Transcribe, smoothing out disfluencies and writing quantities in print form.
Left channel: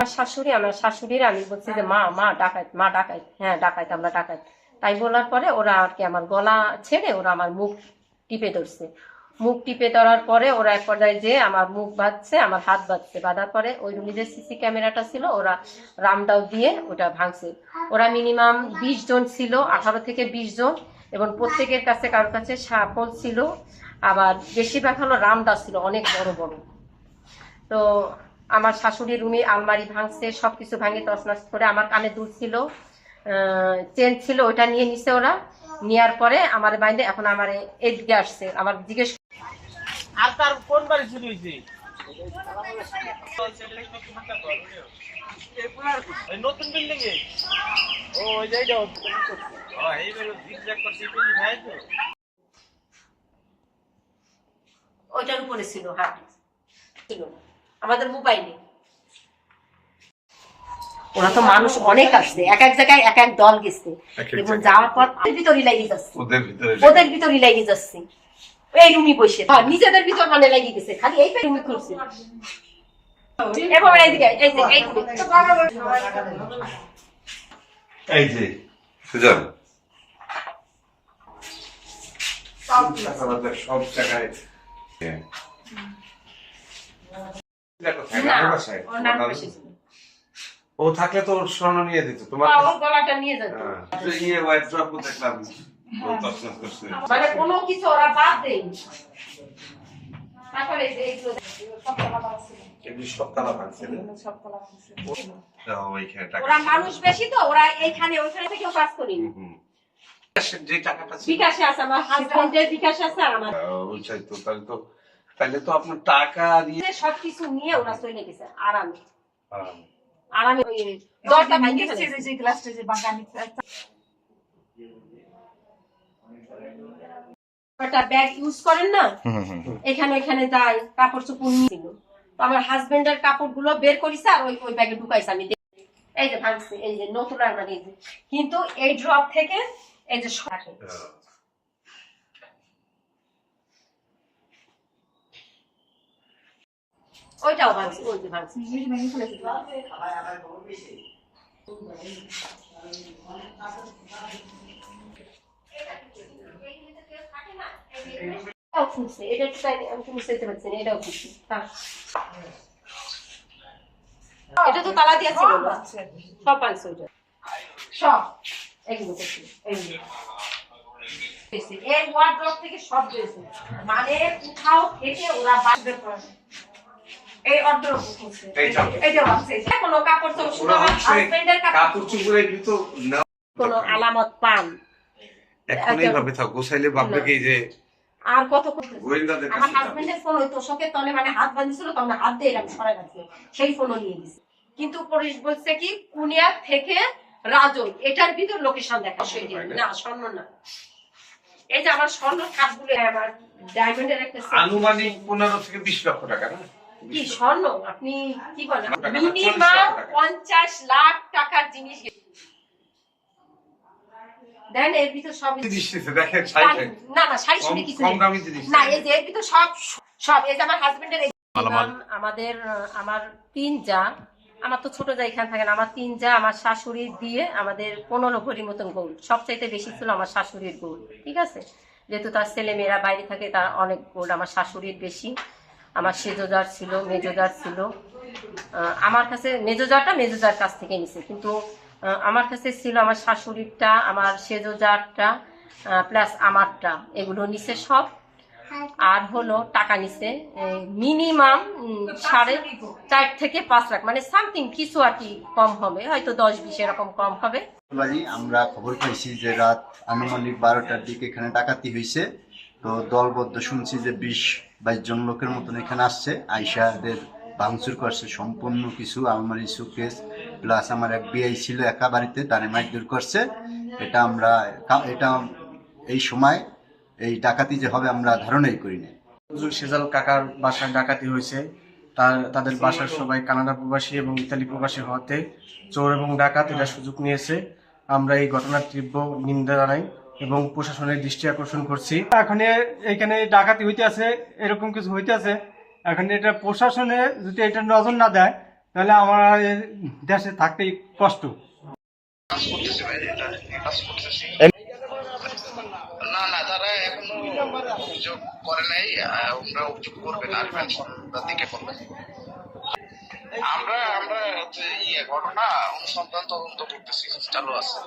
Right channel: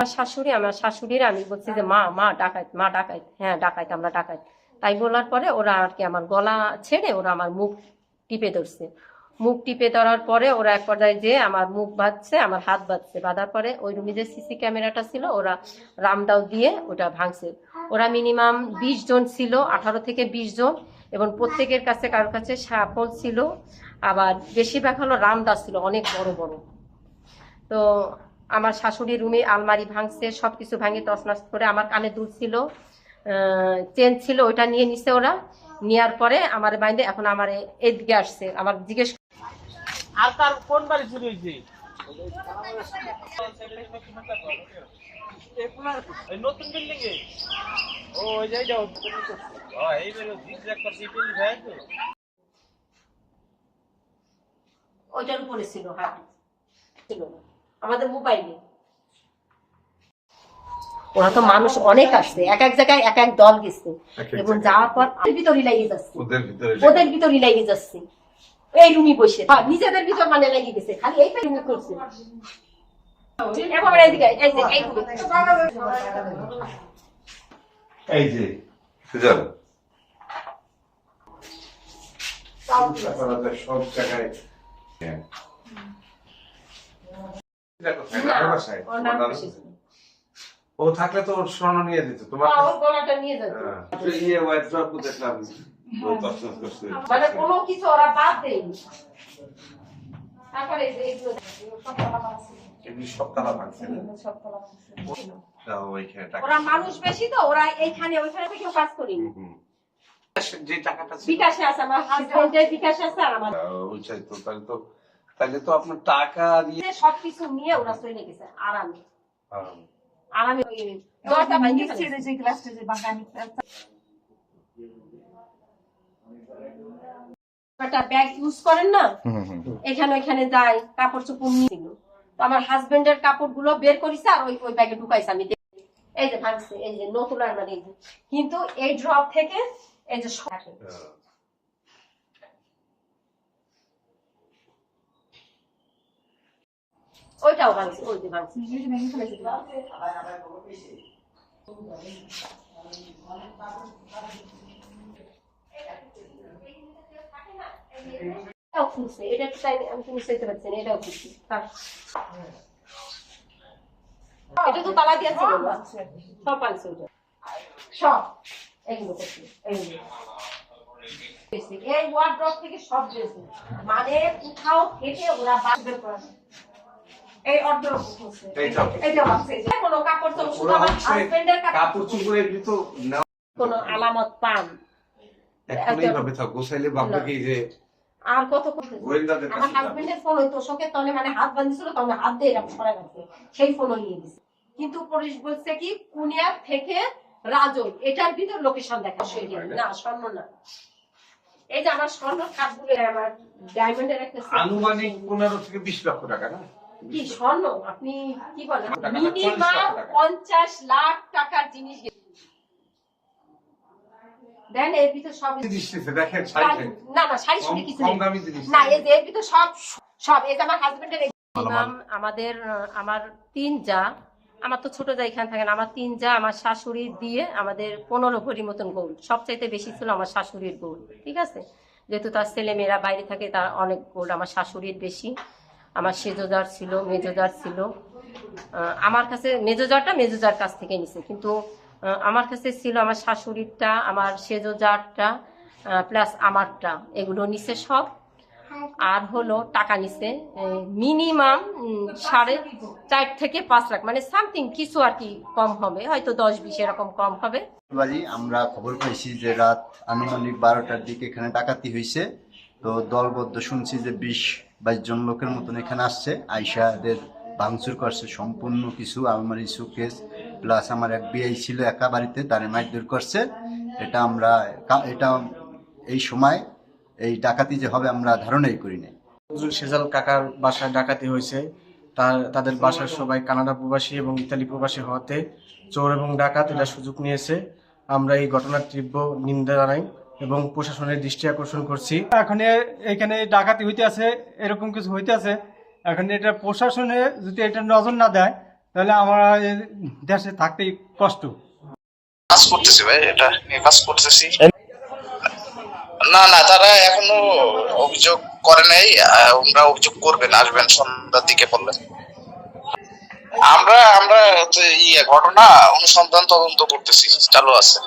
আমার শাশুড়ির আমি বলছি যে মা মা ডাকাইত, মা ডাকাইত, হ্যাঁ ডাকাইত, আমরা ডাকাইত। তাই বলার পরে ওরা আর কি আমার গলা ছেড়ে ওরা আমার মুখ টিপে ধরছে। মুখ টিপে ধরার পরে ওরা এক পর্যায়ে যে আমার মুখ বাঁধছে, আমার হাত বাঁধছে। বাঁধার পরে ওই রুমে যে সিসি ক্যামেরাটা ছিল ওরা রামদাও দিয়ে ওটা ভাঙছে। ওরা মিনিমাম 20 জন ছিল, 18 থেকে 20 জন, এবং প্রত্যেকের কাছে কারোর কাছে সাপল ছিল, আবার বেশিরভাগ হলো রামদা ছিল অনেক বড় বড়। তো আমার শাশুড়ির রুমে আলমারি ভাঙছে, সবকিছু ভাঙে তছনছ করে। আমার কানে দুল ছিল, চেন ছিল, ওইটা নিয়ে নিছে ওরা। নেওয়ার পরে আমার বাইরে এখন আমার এদিকে আসছে, আমার জিজ্ঞেস আর তার কোন বাড়ি চুরি হয়েছে? নতুন বিল্ডিং এ ও ওই জায়গা এইবার জিগজ্যাগ করছে বিল্ডিং হয় তো ওইটার উপরে ছিল, হাত ছিল আমাদের মোবাইলে। ওরা তো মানুষ অনেক আসছে, এক এক জায়গায় এক এক দল গেছে, এবং যাওয়ার পর ভিতরে লাগিয়ে যাচ্ছে, ওদের ভিতরে লাগিয়ে যাচ্ছে। এই রুমি বসে নিজেদের ভিতর মানে লাগিয়ে গেছে, খালি এই রুমি করছে। এই যে সুজন সব জায়গায় ও থাকলে তো স্বর্ণ নিয়ে দিত তোমার গলাটা নিয়ে যেত, ইয়ে ওয়াইড্রপ দেখলাম মানে কোনো কিছু ওরা বাদ দেয়নি। তারপরে এইগুলো ওরা মানুষ বেশি তো, ওরা এইখানে ওইখানে থেকেও কাজ করিনি। যে টাকাটা বিকাশে আছে, আমার হাজবেন্ডের বিকাশে আছে, আর আমার ওইটাই তো। তাহলে তো আপনার টাকা দিয়ে সবকিছু নিয়ে ওরা চলে গেছে আরামে। আরামে ওই দরজা ভাঙিয়ে ফেলেছে। যে ক্লাসটা যে বাগানি একটা ব্যাগ ইউজ করেন না, এখানে ওইখানে যায়, কাপড় চোপড় নিয়েছিল। তো আমার হাজবেন্ডের কাপড়গুলো বের করেছে আর ওই ওই ব্যাগে ঢুকাইছে। আমি এই যে ভাঙছে, এই যে নতুন আলমারি, এই যে, কিন্তু এই ড্রপ থেকে এই যে ওইটাও ভাঙছে, ওই যে ভাঙছে। এটাও খুলছে, এটা আমি বুঝতে পারছি না, এটাও খুলছে। এটা তো তালা দিয়া ছিল, সব ভাঙছে ওইটা, সব এগুলো করছে, এই ওয়ার্ড্রপ থেকে সব দিয়েছে, মানে কোথাও থেকে ওরা বাসবে করে এই অর্ধরূপ করছে। এইটা আছে, কোনো কাপড় চোপড় শুধু আমার হাজবেন্ডের কাপড় চোপড় এগুলো তো কোনো আলামত পান এখন এইভাবে থাক গোছাইলে ভাববে কি যে আর কত গোয়েন্দাদের কাছে আমার হাজবেন্ডের ফোন হইতো শোকের তলে, মানে হাত বাঁধিয়েছিল, তখন হাত দিয়ে এরকম সরাই রাখছে, সেই ফোনও নিয়ে গেছে। কিন্তু পুলিশ বলছে কি কুনিয়া থেকে রাজন, এটার ভিতর লোকেশন দেখা না, স্বর্ণ না। এই যে আমার স্বর্ণ কাপগুলো, আমার ডায়মন্ডের একটা আনুমানিক 15 থেকে 20 লক্ষ টাকা না কি স্বর্ণ, আপনি কি বলেন, মিনিমাম 50 লাখ টাকার জিনিস দেন। এর ভিতর সব দেখেন না না শাড়ি শুনে কিছু না, এই যে এর ভিতর সব সব এই যে আমার হাজবেন্ডের আমাদের আমার 3 জা, আমার তো ছোট জা এখানে থাকেন, আমার 3 জা আমার শাশুড়ির দিয়ে আমাদের 15 ভরি মতন গোল্ড, সবচাইতে বেশি ছিল আমার শাশুড়ির গোল্ড, ঠিক আছে। যেহেতু তার ছেলে মেয়েরা বাইরে থাকে, তার অনেক গোল্ড, আমার শাশুড়ির বেশি। আমার সেজোজার ছিল, মেজোজার ছিল। আমার কাছে মেজোজার কাছ থেকে নিছে, কিন্তু আমার কাছে ছিল আমার শাশুড়িরটা, আমার সেজোজারটা, প্লাস আমারটা, এগুলো নিছে সব। আর হলো টাকা নিছে মিনিমাম 4.5 থেকে 5 লাখ, মানে সামথিং কিছু আর কি কম হবে, হয়তো 10-20 এরকম কম হবে। আমরা খবর পাইছি যে রাত আনুমানিক 12টার দিকে এখানে ডাকাতি হয়েছে। তো দলবদ্ধ শুনছি যে 20-22 জন লোকের মতন এখানে আসছে, আইসাদের ভাঙচুর করছে সম্পূর্ণ কিছু আলমারি, সুকেস, প্লাস আমার এক বিআই ছিল একা বাড়িতে, তারে মারধর করছে। এটা এই সময় এই ডাকাতি যে হবে আমরা ধারণাই করি না। সেজাল কাকার বাসায় ডাকাতি হয়েছে, তাদের বাসার সবাই কানাডা প্রবাসী এবং ইতালি প্রবাসী হওয়াতে চোর এবং ডাকাত এটা সুযোগ নিয়েছে। আমরা এই ঘটনার তীব্র নিন্দা জানাই এবং প্রশাসনের দৃষ্টি আকর্ষণ করছি। এখন এখানে ডাকাতি হইতে আছে, এরকম কিছু হইতে আছে, এখন এটা প্রশাসনে যদি এটা নজর না দেয় তাহলে আমরা এই দেশে থাকতে কষ্ট। কাজ করতেছি ভাই, এটা নিয়ে কাজ করতেছি। না না, তারা এখনো অভিযোগ করে নাই। ওনারা অভিযোগ করবেন, আসবেন সন্ধ্যার দিকে বললেন। আমরা ঘটনা অনুসন্ধান তদন্ত করতেছি, চালু আছে।